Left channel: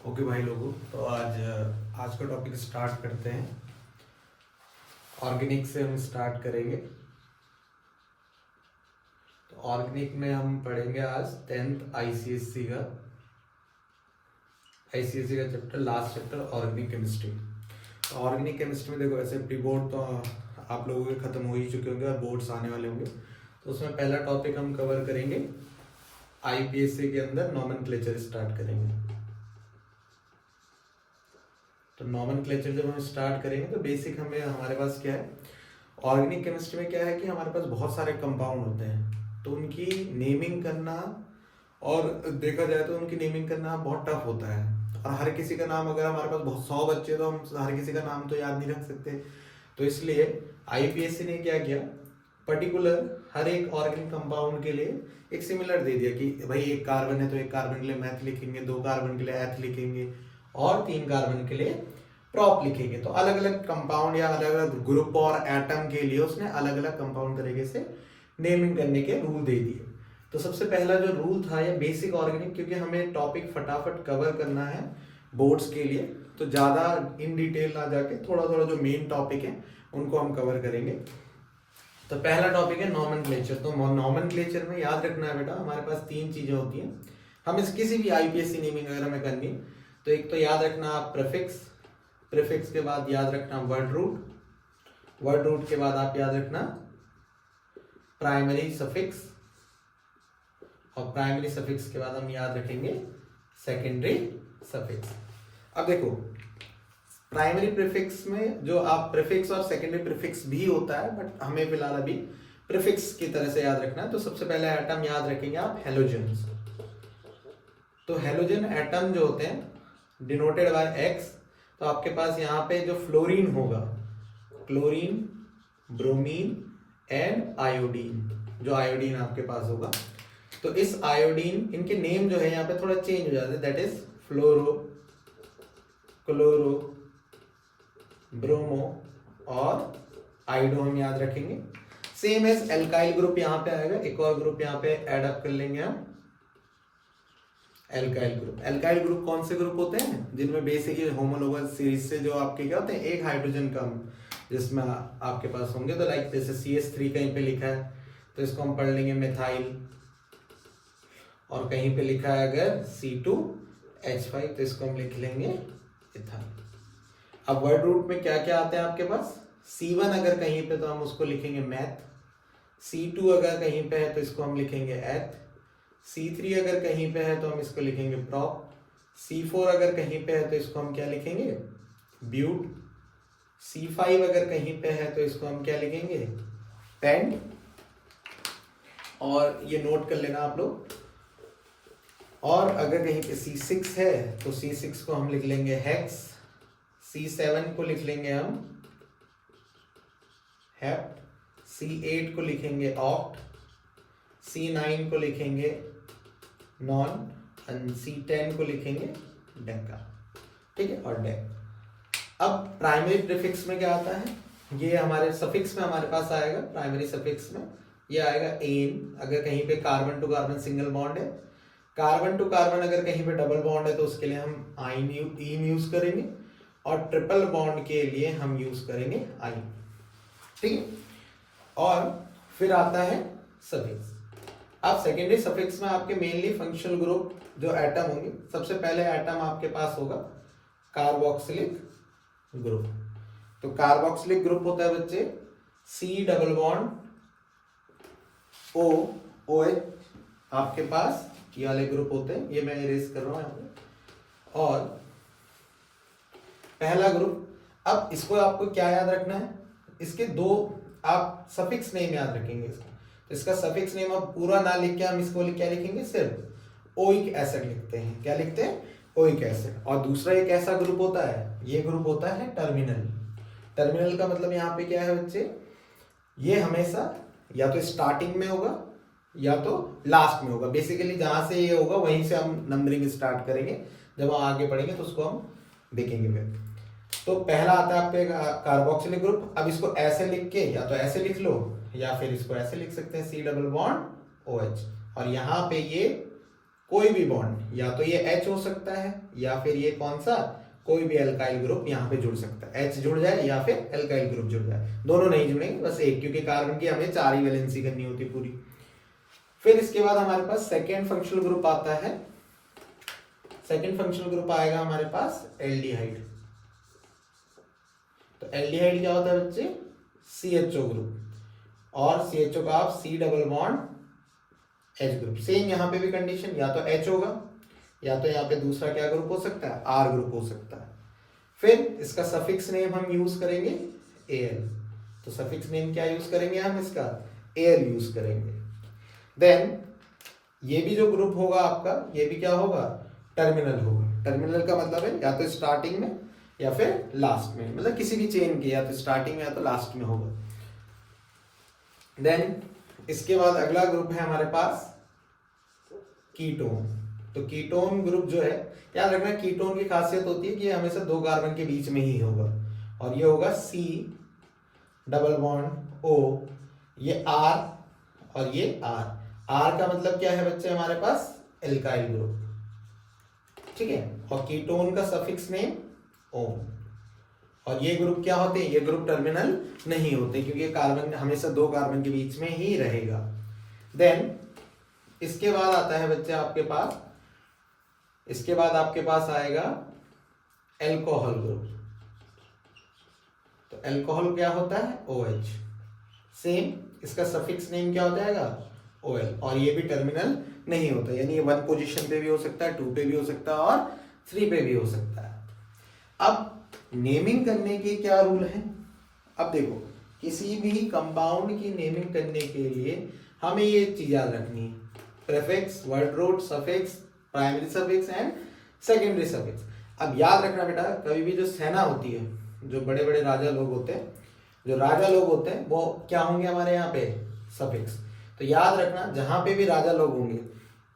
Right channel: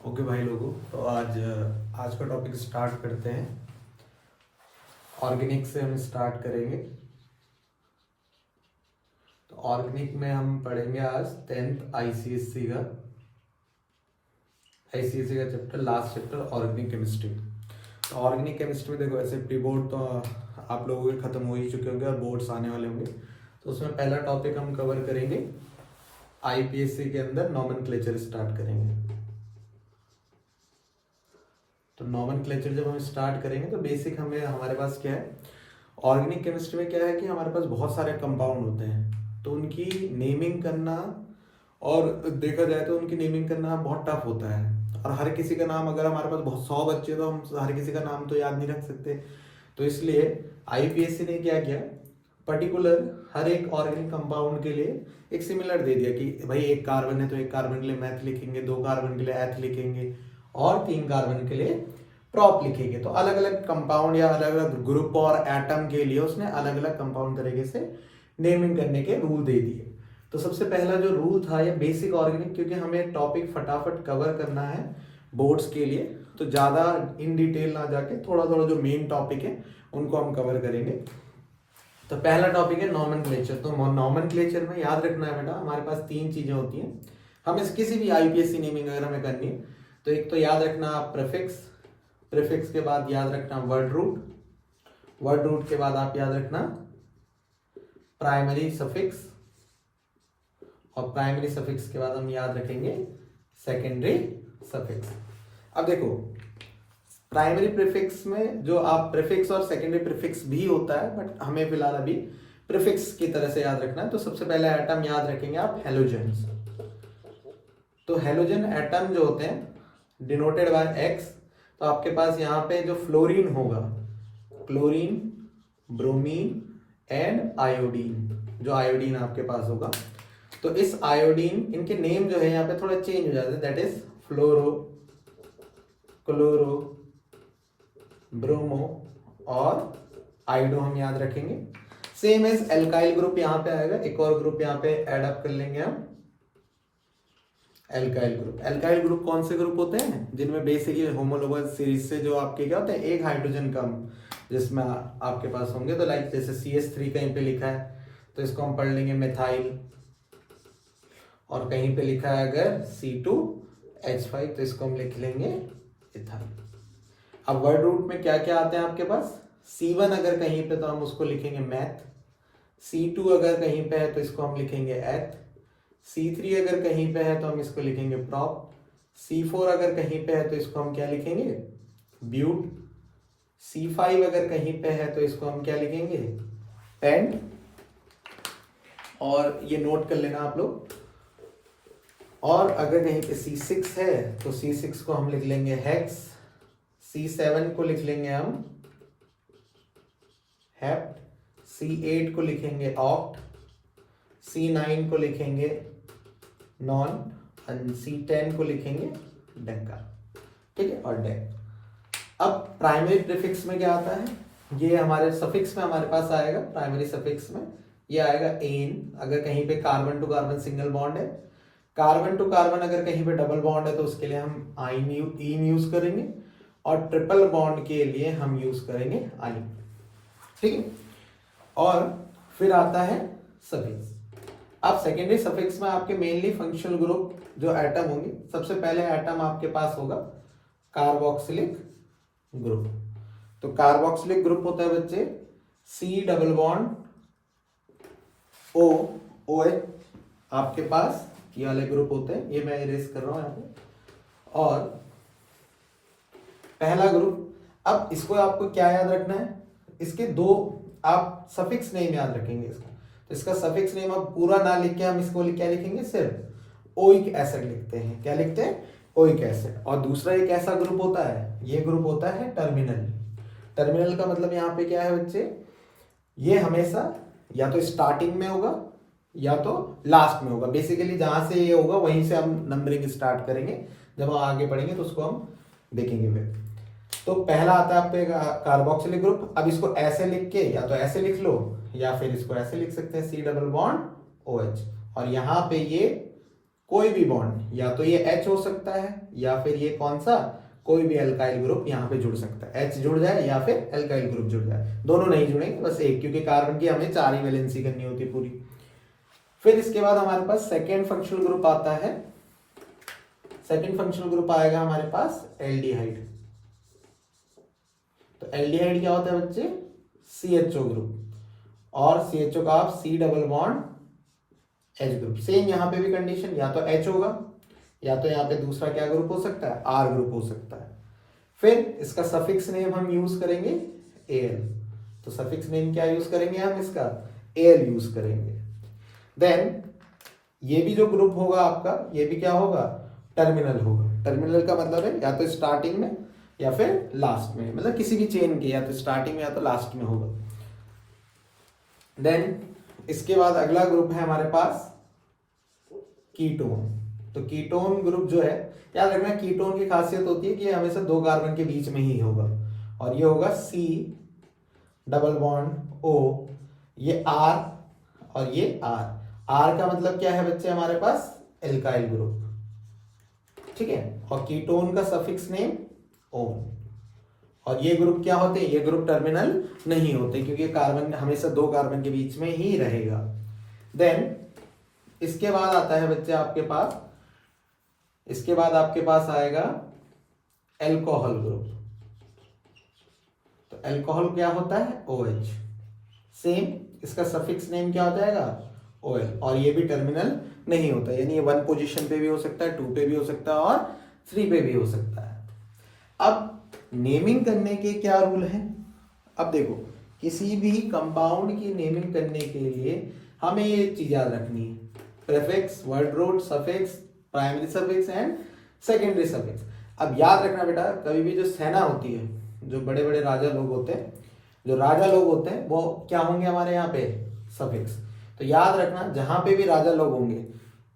Okay भाई लोगों, तो आज का टॉपिक स्टार्ट करते हैं। ऑर्गेनिक से हम स्टार्ट करेंगे। तो ऑर्गेनिक में हम पढ़ेंगे आज 10th आईसीएससी का chapter, last chapter organic chemistry. तो ऑर्गेनिक केमिस्ट्री में देखो, ऐसे प्री बोर्ड तो आप लोगों के खत्म हो ही चुके होंगे और बोर्ड्स आने वाले होंगे। तो उसमें पहला टॉपिक हम कवर करेंगे, आईपीएससी के अंदर नॉमेनक्लेचर स्टार्ट करेंगे। तो नॉमेनक्लेचर जब हम स्टार्ट करेंगे तो बेसिक हमारे पास क्या है, ऑर्गेनिक केमिस्ट्री में क्या है कि हमारे पास बहुत सारे कंपाउंड होते हैं, तो उनकी नेमिंग करना, और देखा जाए तो उनकी नेमिंग करना बहुत टफ होता है। और हर किसी का नाम, अगर हमारे पास बहुत 100 बच्चे, तो हम हर किसी का नाम तो याद नहीं रख सकते। तो इसलिए आईपीएससी ने क्या किया, पर्टिकुलर हर एक ऑर्गेनिक कंपाउंड के लिए एक सिमिलर दे दिया कि भाई एक कार्बन है तो एक कार्बन के लिए मैथ लिखेंगे, 2 कार्बन के लिए एथ लिखेंगे, और 3 कार्बन के लिए प्रॉप लिखेंगे। तो अलग अलग कंपाउंड या अलग अलग ग्रुप और एटम के लिए उसने अलग अलग कंपाउंड तरीके से नेमिंग करने के रूल दे दिए। तो सबसे पहला जो रूल था ये बेसिक ऑर्गेनिक, क्योंकि हमें टॉपिक फटाफट कवर करना है बोर्ड्स के लिए, तो ज़्यादा इन डिटेल ना जाके थोड़ा थोड़ा जो मेन टॉपिक है उनको हम कवर करेंगे। तो पहला टॉपिक है नॉमेनक्लेचर। तो नॉमेनक्लेचर में याद रखना है बेटा, हमारे पास 3 चीज़ें होती हैं। हम इस किसी भी आईपीएससी नेमिंग अगर हमें करनी है तो एक तो याद रखना आप प्रीफिक्स के बाद याद रखना वर्ड रूट के बाद आप याद रखना प्राइमरी सफिक्स, और प्राइमरी सफिक्स के बाद हम याद रखेंगे सेकेंडरी सफिक्स। अब देखो, प्राइमरी प्रीफिक्स में जो आप प्रीफिक्स और सेकेंडरी प्रीफिक्स भी होता है, बट हमें फिलहाल अभी प्रीफिक्स की तरह से याद रखना है। तो सबसे पहले एटम याद रखेंगे आप हेलोजन। तो हेलोजन एटम जो होते हैं डिनोटेड बाय एक्स, तो आपके पास यहाँ पे जो फ्लोरीन होगा, क्लोरीन, ब्रोमीन एंड आयोडीन, जो आयोडीन आपके पास होगा, तो इस आयोडीन, इनके नेम जो है यहाँ पे थोड़ा चेंज हो जाते हैं, that is fluoro, chloro, bromo और आयोडो हम याद रखेंगे। सेम एज एल्काइल ग्रुप यहाँ पे आएगा, एक और ग्रुप यहाँ पे ऐड अप कर लेंगे हम, एल्काइल ग्रुप कौन से ग्रुप होते हैं जिनमें बेसिकली होमोलोगस सीरीज से जो आपके क्या होता है, एक हाइड्रोजन कम जिसमें आपके पास होंगे। तो लाइक जैसे CH3 कहीं पे लिखा है तो इसको हम पढ़ लेंगे मिथाइल, और कहीं पे लिखा है अगर C2H5 तो इसको हम लिख लेंगे इथाइल। अब वर्ड रूट में क्या क्या आते हैं आपके पास, C1 अगर कहीं पे तो हम उसको लिखेंगे मैथ, C2 अगर कहीं पे है तो इसको हम लिखेंगे एथ, C3 अगर कहीं पे है तो हम इसको लिखेंगे प्रॉप, C4 अगर कहीं पे है तो इसको हम क्या लिखेंगे ब्यूट, C5 अगर कहीं पे है तो इसको हम क्या लिखेंगे पेंट, और ये नोट कर लेना आप लोग। और अगर कहीं पे C6 है तो C6 को हम लिख लेंगे हेक्स, C7 को लिख लेंगे हम हेप्ट, C8 को लिखेंगे ऑक्ट, C9 को लिखेंगे नॉन, और C10 को लिखेंगे डेका, ठीक है, और डेक। अब प्राइमरी प्रीफिक्स में क्या आता है, ये हमारे सफिक्स में हमारे पास आएगा, प्राइमरी सफिक्स में ये आएगा एन, अगर कहीं पे carbon to carbon single bond है, कार्बन टू कार्बन अगर कहीं पे डबल बॉन्ड है तो उसके लिए हम इन यूज करेंगे, और ट्रिपल बॉन्ड के लिए हम यूज करेंगे आइन, ठीक है। और फिर आता है सफिक्स। अब सेकेंडरी सफिक्स में आपके मेनली फंक्शनल ग्रुप जो एटम होंगे, सबसे पहले एटम आपके पास होगा कार्बोक्सिलिक ग्रुप। तो कार्बोक्सिलिक ग्रुप होता है बच्चे C double bond O OH, आपके पास ये वाले ग्रुप होते हैं, ये मैं इरेज कर रहा हूं यहाँ पे। और पहला ग्रुप, अब इसको आपको क्या याद रखना है, इसके 2 आप सफिक्स नेम याद रखेंगे इसका। तो इसका सफिक्स नेम अब पूरा ना लिख के हम इसको क्या लिखेंगे, सिर्फ ओइक एसिड लिखते हैं। क्या लिखते हैं, ओइक एसिड। और दूसरा एक ऐसा ग्रुप होता है, ये ग्रुप होता है टर्मिनल का मतलब यहाँ पे क्या है बच्चे, ये हमेशा या तो स्टार्टिंग में होगा या तो लास्ट में होगा। बेसिकली जहां से ये होगा वहीं से हम नंबरिंग स्टार्ट करेंगे, जब हम आगे पढ़ेंगे तो उसको हम देखेंगे फिर। तो पहला आता है आपके कार्बोक्सिलिक ग्रुप। अब इसको ऐसे लिख के या तो ऐसे लिख लो या फिर इसको ऐसे लिख सकते हैं C डबल बॉन्ड OH, और यहाँ पे ये कोई भी बॉन्ड, या तो ये H हो सकता है या फिर ये कौन सा कोई भी अल्काइल ग्रुप यहाँ पे जुड़ सकता है, H जुड़ जाए या फिर अल्काइल ग्रुप जुड़ जाए, दोनों नहीं जुड़ेंगे, बस एक, क्योंकि कार्बन की हमें 4 ही वैलेंसी करनी होती है पूरी। फिर इसके बाद हमारे पास सेकेंड फंक्शनल ग्रुप आता है। सेकेंड फंक्शनल ग्रुप आएगा हमारे पास एल्डिहाइड। तो एल्डिहाइड क्या होता है बच्चे, CHO ग्रुप, और CHO का आप C double bond H group. Same यहाँ पे भी कंडीशन, या तो H होगा या तो यहाँ पे दूसरा क्या ग्रुप हो सकता है, R ग्रुप हो सकता है। फिर इसका सफिक्स नेम हम यूज करेंगे Al। तो सफिक्स नेम क्या यूज करेंगे हम, इसका Al यूज करेंगे। देन ये भी जो ग्रुप होगा आपका, ये भी क्या होगा, टर्मिनल होगा। टर्मिनल का मतलब है या तो स्टार्टिंग में या फिर लास्ट में, मतलब किसी भी चेन के या तो स्टार्टिंग में या तो लास्ट में होगा। देन इसके बाद अगला ग्रुप है हमारे पास कीटोन। तो कीटोन ग्रुप जो है, याद रखना कीटोन की खासियत होती है कि ये हमेशा 2 कार्बन के बीच में ही होगा, और ये होगा C डबल बॉन्ड O, ये R और ये R। R का मतलब क्या है बच्चे हमारे पास, एल्काइल ग्रुप, ठीक है। और कीटोन का सफिक्स नेम ओन। और ये ग्रुप क्या होते हैं, ये ग्रुप टर्मिनल नहीं होते, क्योंकि कार्बन हमेशा 2 कार्बन के बीच में ही रहेगा। देन इसके बाद आता है बच्चे आपके पास, इसके बाद आपके पास आएगा एल्कोहल ग्रुप। तो एल्कोहल क्या होता है, OH। सेम इसका सफिक्स नेम क्या हो जाएगा, OL, और ये भी टर्मिनल नहीं होता, यानी ये 1 पोजीशन पे भी हो सकता है, 2 पे भी हो सकता है और 3 पे भी हो सकता है। अब नेमिंग करने के क्या रूल है, अब देखो किसी भी कंपाउंड की नेमिंग करने के लिए हमें ये चीज याद रखनी है, prefix, word root, suffix, primary suffix and secondary suffix. अब याद रखना बेटा, कभी भी जो सेना होती है, जो बड़े बड़े राजा लोग होते हैं, जो राजा लोग होते हैं वो क्या होंगे हमारे यहाँ पे, सफिक्स। तो याद रखना जहां पे भी राजा लोग होंगे,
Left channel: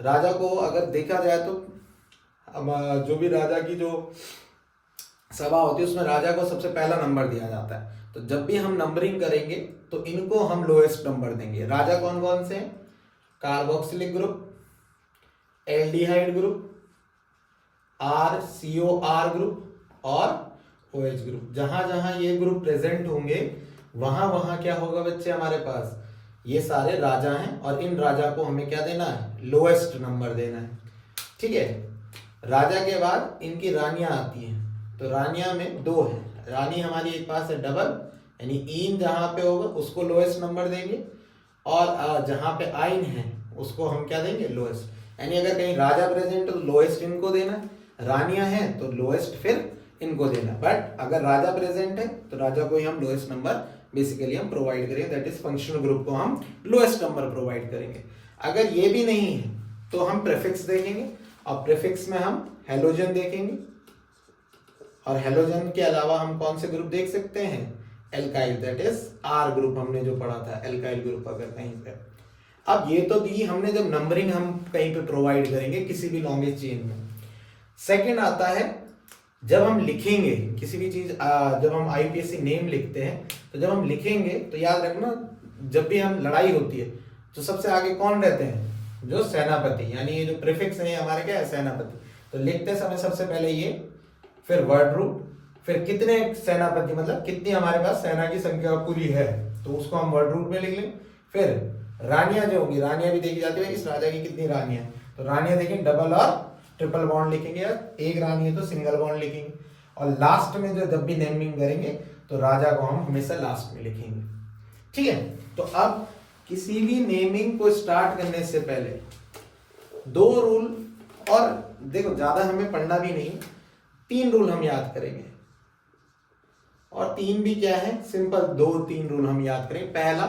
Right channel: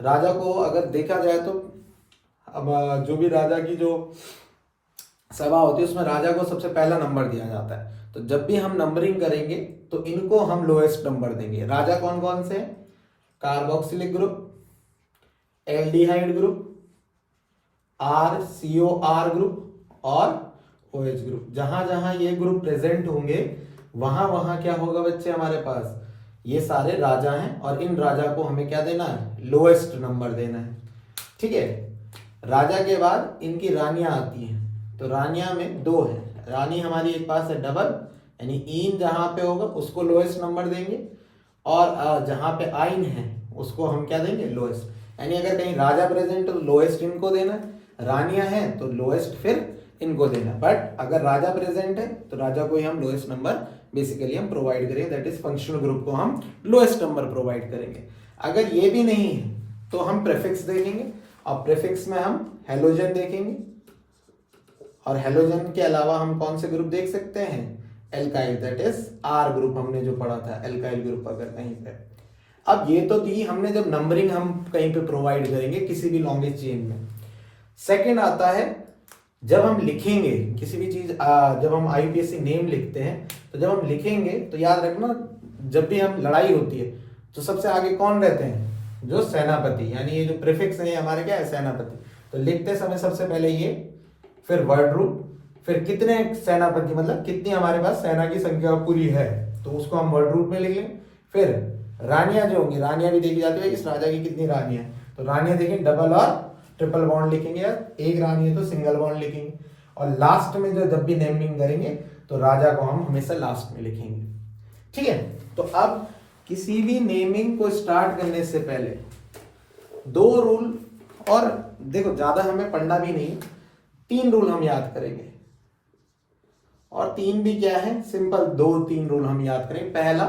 राजा को अगर देखा जाए तो अब जो भी राजा की जो सभा होती है उसमें राजा को सबसे पहला नंबर दिया जाता है। तो जब भी हम नंबरिंग करेंगे तो इनको हम लोएस्ट नंबर देंगे। राजा कौन कौन से, carboxylic group, aldehyde group, RCOR group और OH ग्रुप। जहां जहां ये ग्रुप प्रेजेंट होंगे वहां वहां क्या होगा बच्चे हमारे पास, ये सारे राजा हैं, और इन राजा को हमें क्या देना है, लोएस्ट नंबर देना है, ठीक है। राजा के बाद इनकी रानियां आती हैं, तो रानियां में 2 है, रानी हमारी एक पास है डबल, यानी इन जहां पे होगा उसको लोएस्ट नंबर देंगे, और जहां पे आइन है उसको हम क्या देंगे, लोएस्ट। यानी अगर कहीं राजा प्रेजेंट है तो लोएस्ट इनको देना, रानियां हैं तो लोएस्ट फिर इनको देना। बट अगर राजा प्रेजेंट है तो राजा को ही हम लोएस्ट नंबर बेसिकली हम प्रोवाइड करेंगे, दैट इज फंक्शनल ग्रुप को हम लोएस्ट नंबर प्रोवाइड करेंगे। अगर ये भी नहीं है तो हम प्रीफिक्स देखेंगे, और प्रीफिक्स में हम हेलोजन देखेंगे, और हेलोजन के अलावा हम कौन से ग्रुप देख सकते हैं, alkyl, that is R group हमने जो पढ़ा था, एल्काइल ग्रुप अगर कहीं पे। अब ये तो दी हमने जब नंबरिंग हम कहीं पे प्रोवाइड करेंगे किसी भी लॉन्गेस्ट चेन में। सेकंड आता है जब हम लिखेंगे किसी भी चीज, जब हम IUPAC नेम लिखते हैं, तो जब हम लिखेंगे तो याद रखना जब भी हम लड़ाई होती है तो सबसे आगे कौन रहते हैं, जो सेनापति, यानी ये जो प्रीफिक्स है हमारे क्या है, सेनापति। तो लिखते समय सबसे पहले ये, फिर वर्ड रूट, फिर कितने सेनापति मतलब कितनी हमारे पास सेना की संख्या पूरी है तो उसको हम वर्ड रूट में लिख लें। फिर रानियां जो होंगी, रानियां भी देखी जाती है इस राजा की कितनी रानियां, तो रानियां देखें डबल और ट्रिपल बॉन्ड लिखेंगे, एक रानी है तो सिंगल बॉन्ड लिखेंगे। और लास्ट में जो जब भी नेमिंग करेंगे तो राजा को हम हमेशा लास्ट में लिखेंगे, ठीक है। तो अब किसी भी नेमिंग को स्टार्ट करने से पहले 2 रूल, और देखो ज्यादा हमें पढ़ना भी नहीं, 3 रूल हम याद करेंगे, और 3 भी क्या है, सिंपल 2-3 रूल हम याद करेंगे। पहला,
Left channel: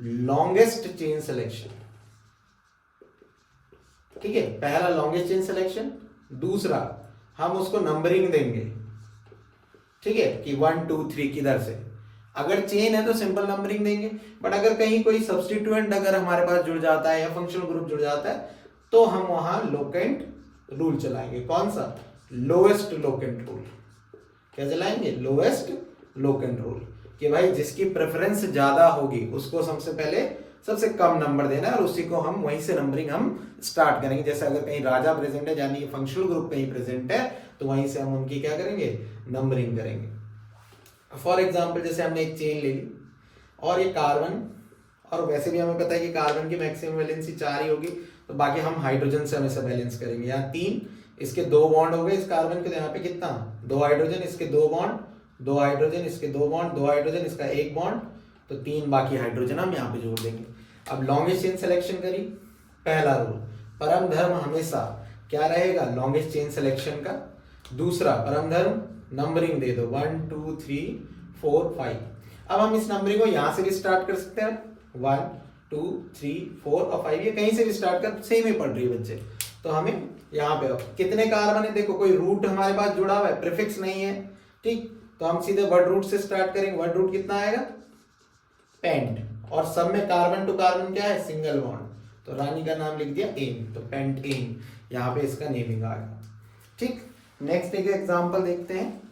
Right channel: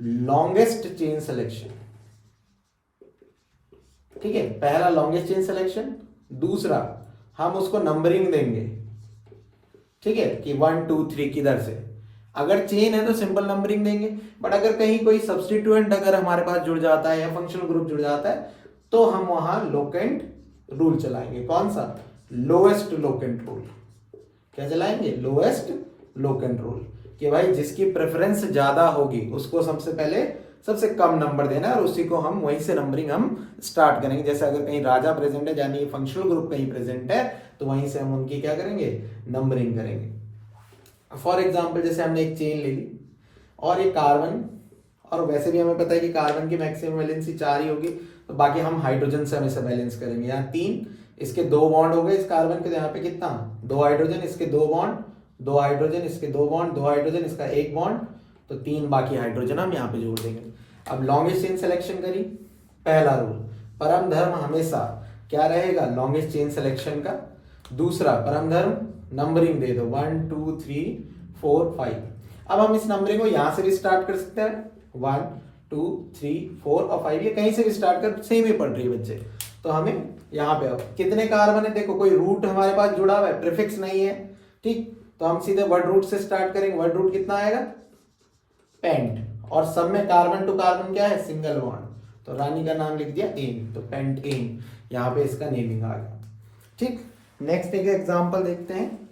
लॉन्गेस्ट चेन सिलेक्शन, ठीक है, पहला लॉन्गेस्ट चेन सिलेक्शन। दूसरा, हम उसको नंबरिंग देंगे, ठीक है, कि 1 2 3 किधर से। अगर चेन है तो सिंपल नंबरिंग देंगे, बट अगर कहीं कोई सब्स्टिट्यूएंट अगर हमारे पास जुड़ जाता है या फंक्शनल ग्रुप जुड़ जाता है तो हम वहां लोकेंट रूल चलाएंगे। कौन सा, लोएस्ट लोकेंट रूल। क्या चलाएंगे, लोएस्ट लोकेंट रूल, कि भाई जिसकी प्रेफरेंस ज्यादा होगी उसको सबसे पहले सबसे कम नंबर देना है और उसी को हम वहीं से नंबरिंग हम स्टार्ट करेंगे। जैसे अगर कहीं राजा प्रेजेंट है यानी फंक्शनल ग्रुप कहीं प्रेजेंट है तो वहीं से हम उनकी क्या करेंगे, नंबरिंग करेंगे। फॉर एग्जाम्पल जैसे हमने एक चेन ले ली और ये कार्बन, और वैसे भी हमें पता है कि कार्बन की मैक्सिमम वैलेंसी 4 ही होगी, तो बाकी हम हाइड्रोजन से हमेशा बैलेंस करेंगे। यहाँ 3, इसके 2 बॉन्ड हो गए इस कार्बन के, तो यहाँ पे कितना 2 हाइड्रोजन, इसके 2 बॉन्ड, 2 हाइड्रोजन, इसके 2 बॉन्ड, 2 हाइड्रोजन, इसका 1 बॉन्ड, तो 3 बाकी हाइड्रोजन हम यहाँ पे जोड़ देंगे। अब लॉन्गेस्ट चेन सिलेक्शन करी, पहला रूल परम धर्म हमेशा क्या रहेगा, लॉन्गेस्ट चेन सिलेक्शन का। दूसरा परम धर्म नंबरिंग दे दो 1 2 3 4 5। अब हम इस नंबरिंग को यहाँ से भी स्टार्ट कर सकते हैं 1 2 3 4 और 5, ये कहीं से भी स्टार्ट कर, सेम ही पढ़ रही है बच्चे। तो हमें यहाँ पे कितने कार्बन है, देखो कोई रूट हमारे पास जुड़ा हुआ है, प्रीफिक्स नहीं है, ठीक, तो हम सीधे वर्ड रूट से स्टार्ट करेंगे। वर्ड रूट कितना आएगा, पेंट, और सब में कार्बन टू कार्बन क्या है, सिंगल बॉन्ड, तो रानी का नाम लिख दिया एन, तो पेंट एन, यहाँ पे इसका नेमिंग आ गया। ठीक, नेक्स्ट एक एग्जांपल देखते हैं।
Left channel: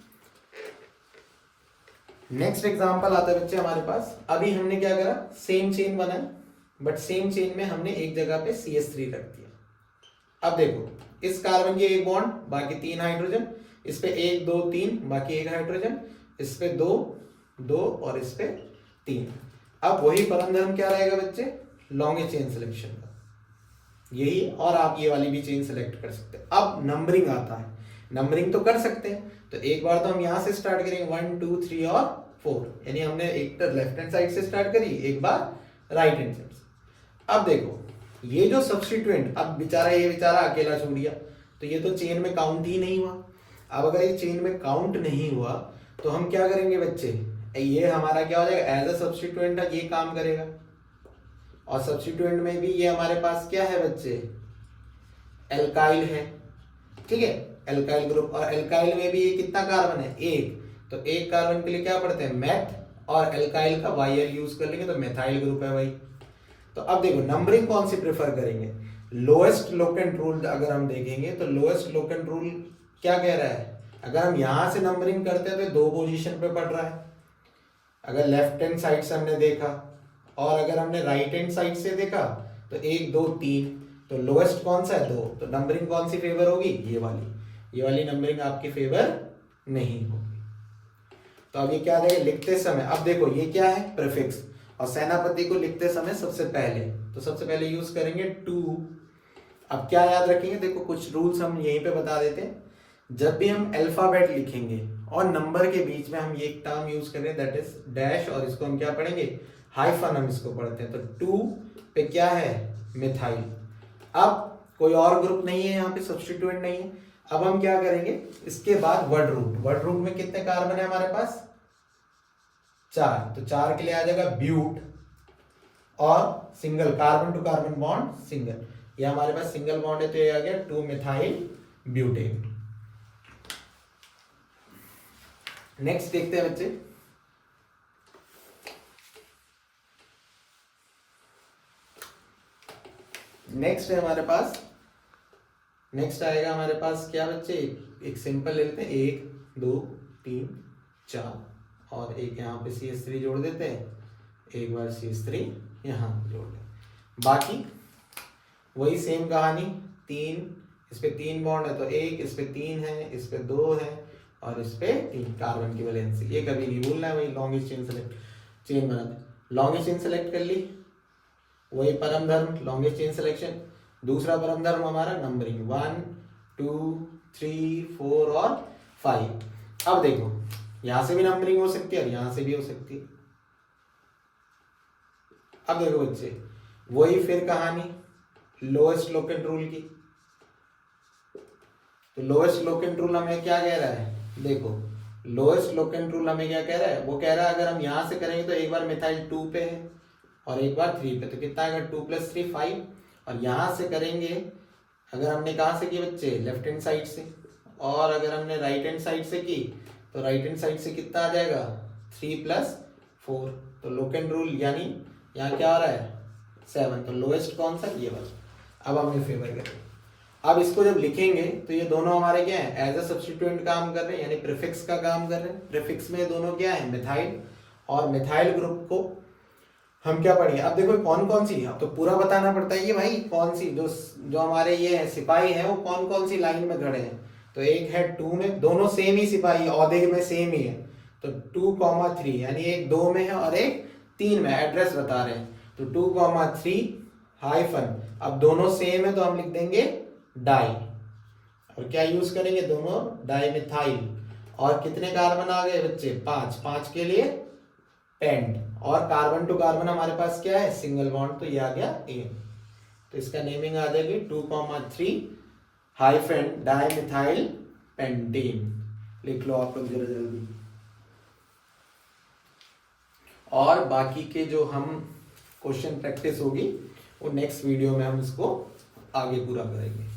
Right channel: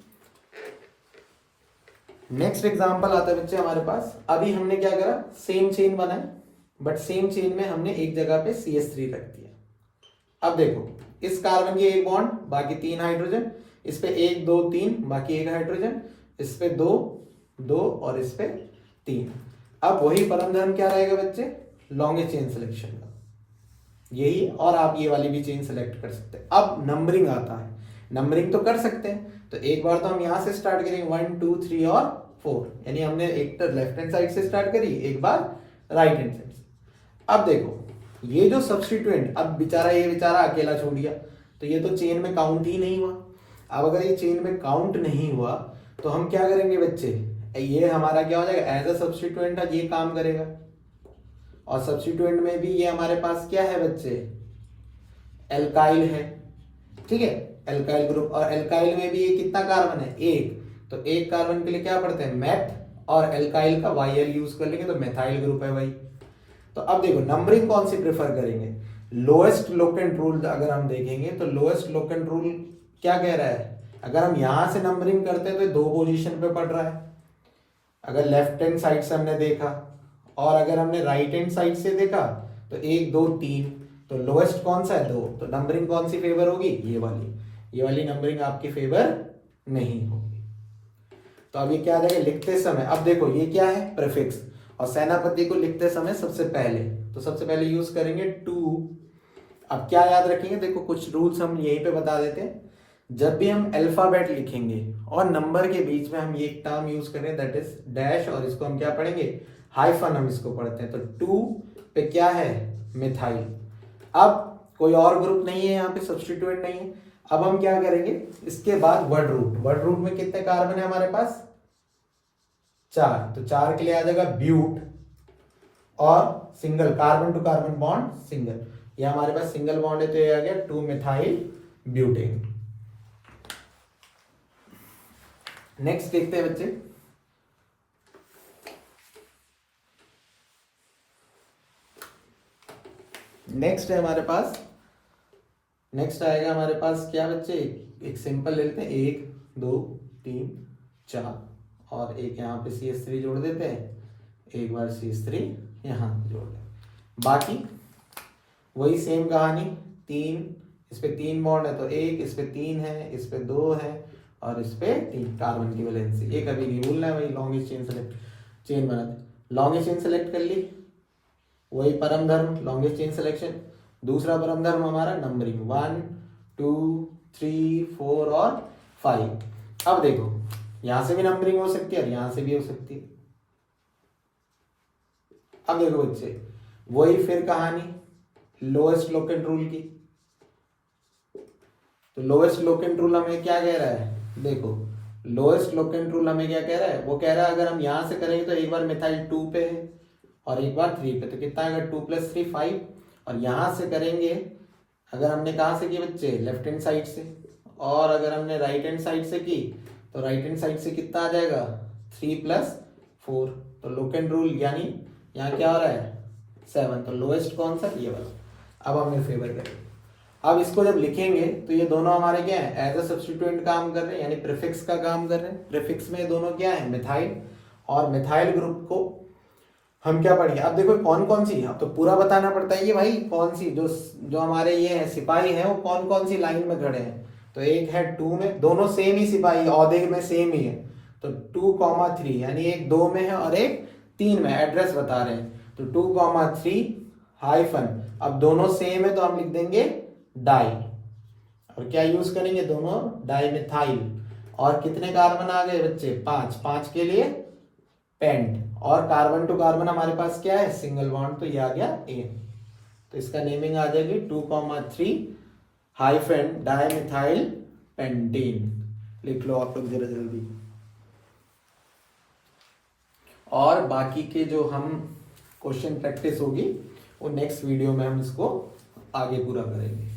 नेक्स्ट एग्जांपल आता है बच्चे हमारे पास, अभी हमने क्या करा, सेम चेन बनाई, बट सेम चेन में हमने एक जगह पे CH3 रख दिया। अब देखो इस कार्बन की 1 बॉन्ड, बाकी 3 हाइड्रोजन, इस पे 1 2 3 बाकी 1 हाइड्रोजन, इस पे 2 2 और इस पे 3। अब वही परम धर्म क्या रहेगा बच्चे, लॉन्गेस्ट चेन सिलेक्शन का, यही, और आप ये वाली भी चेन सेलेक्ट कर सकते हैं। अब नंबरिंग आता है, नंबरिंग तो कर सकते हैं, तो एक बार तो हम यहां से स्टार्ट करेंगे 1 2 3 और 4, यानी हमने एक तो लेफ्ट हैंड साइड से स्टार्ट करी, एक बार राइट हैंड साइड से। अब देखो ये जो सब्स्टिट्यूएंट, अब ये बेचारा अकेला छोड़ दिया, तो ये तो चेन में काउंट ही नहीं हुआ। अब अगर ये चेन में काउंट नहीं हुआ तो हम क्या करेंगे बच्चे, ये हमारा क्या हो जाएगा, एज अ सब्स्टिट्यूएंट ये काम करेगा, और सब्स्टिट्यूएंट में भी ये हमारे पास क्या है बच्चे, एल्काइल है, ठीक है, एल्काइल ग्रुप, और एल्काइल में भी ये कितना कार्बन है, 1, तो 1 कार्बन के लिए क्या पढ़ते हैं, मैथ, और एल्काइल का YL यूज कर लेंगे तो मेथाइल ग्रुप है भाई। तो अब देखो नंबरिंग कौन सी प्रेफर करेंगे, लोएस्ट लोकेंट रूल अगर हम देखेंगे तो लोएस्ट लोकेंट रूल क्या कह रहा है, अगर हम यहां से नंबरिंग करते हैं तो 2 पोजीशन पे पड़ रहा है, अगर लेफ्ट हैंड साइड से हमने देखा, और अगर हमने राइट हैंड साइड से देखा तो 1 2 3, तो लोएस्ट कौन सा है, 2, तो नंबरिंग कौन सी फेवर होगी, ये वाली नंबरिंग आपकी फेवर नहीं होगी। तो अभी क्या रहेगा, लिखते समय, अब देखो ये क्या है, प्रीफिक्स, और सेनापति को लिखते समय सबसे पहले यूज करेंगे 2। अब क्या याद रखेंगे, देखो कुछ रूल्स हम यहीं पे बता देते हैं, जब भी हम अल्फाबेट लिखेंगे और नंबर के बीच में हम ये एक टर्म यूज करें दैट इज डैश, और इसको हम क्या पढ़ेंगे, हाइफन हम इसको पढ़ते हैं। तो 2 पे क्या है, मिथाइल। अब कोई और ग्रुप नहीं है यहाँ पे, सब्स्टिट्यूएंट नहीं है। अब हम क्या करेंगे, इसके बाद वर्ड रूट में कितने कार्बन है हमारे पास, 4, तो 4 के लिए आ जाएगा ब्यूट, और single carbon to carbon bond single, ये हमारे पास सिंगल बॉन्ड है, तो ये आ गया 2 मिथाइल ब्यूटेन। नेक्स्ट देखते हैं बच्चे, नेक्स्ट है हमारे पास, नेक्स्ट आएगा हमारे पास क्या बच्चे, एक सिंपल ले लेते हैं, 1 2 3 4, और एक यहाँ पे CH3 जोड़ देते हैं, एक बार CH3 यहाँ जोड़ दें, बाकी वही सेम कहानी, 3, इस पे 3 बॉन्ड है तो 1, इस पे 3 है, इस पे 2 है, और इस पे 3 कार्बन की वैलेंसी, ये कभी नहीं भूलना है, वही लॉन्गेस्ट चेन बना दे, लॉन्गेस्ट चेन सेलेक्ट कर ली, वही परम धर्म लॉन्गेस्ट चेन सिलेक्शन। दूसरा परम धर्म हमारा नंबरिंग 1 2 3 4 और 5। अब देखो यहां से भी नंबरिंग हो सकती है और यहां से भी हो सकती है। अब देखो बच्चे, वही फिर कहानी लोएस्ट लोकेंट रूल की, तो लोएस्ट लोकेंट रूल हमें क्या कह रहा है, देखो लोएस्ट लोकेंट रूल हमें क्या कह रहा है, वो कह रहा है अगर हम यहां से करेंगे तो एक बार मिथाइल 2 पे है और एक बार 3 पे, तो कितना आएगा 2 + 3 5, और यहां से करेंगे अगर हमने कहां से की बच्चे, लेफ्ट हैंड साइड से, और अगर हमने राइट हैंड साइड से की तो राइट हैंड साइड से कितना आ जाएगा 3 + 4, तो लोकेंट रूल यानी यहाँ क्या आ रहा है 7, तो लोएस्ट कौन सा, ये वाला। अब हम ये फेवर करें, अब इसको जब लिखेंगे तो ये दोनों हमारे क्या है, एज अ सब्स्टिट्यूएंट काम कर रहे हैं, यानी प्रीफिक्स का काम कर रहे हैं। प्रीफिक्स में दोनों क्या है, मिथाइल, और मिथाइल ग्रुप को हम क्या पढ़ेंगे अब देखो कौन कौन सी, अब तो पूरा बताना पड़ता है ये भाई, कौन सी जो जो हमारे ये है सिपाही है वो कौन कौन सी लाइन में खड़े हैं। तो एक है 2 में, दोनों सेम ही सिपाही औहदे में सेम ही है, तो 2,3 यानी एक 2 में है और एक 3 में, एड्रेस बता रहे हैं। तो 2,3 हाइफन, अब दोनों सेम है तो हम लिख देंगे डाई, और क्या यूज करेंगे दोनों, डाई मिथाइल। और कितने कार्बन आ गए बच्चे, 5, 5 के लिए पेंट, और कार्बन टू कार्बन हमारे पास क्या है, सिंगल बॉन्ड, तो ये आ गया ए। तो इसका नेमिंग आ जाएगी 2,3 हाइफन डाइमिथाइल पेंटीन। लिख लो आप लोग जरा जल्दी। और बाकी के जो हम क्वेश्चन प्रैक्टिस होगी वो नेक्स्ट वीडियो में हम इसको आगे पूरा करेंगे।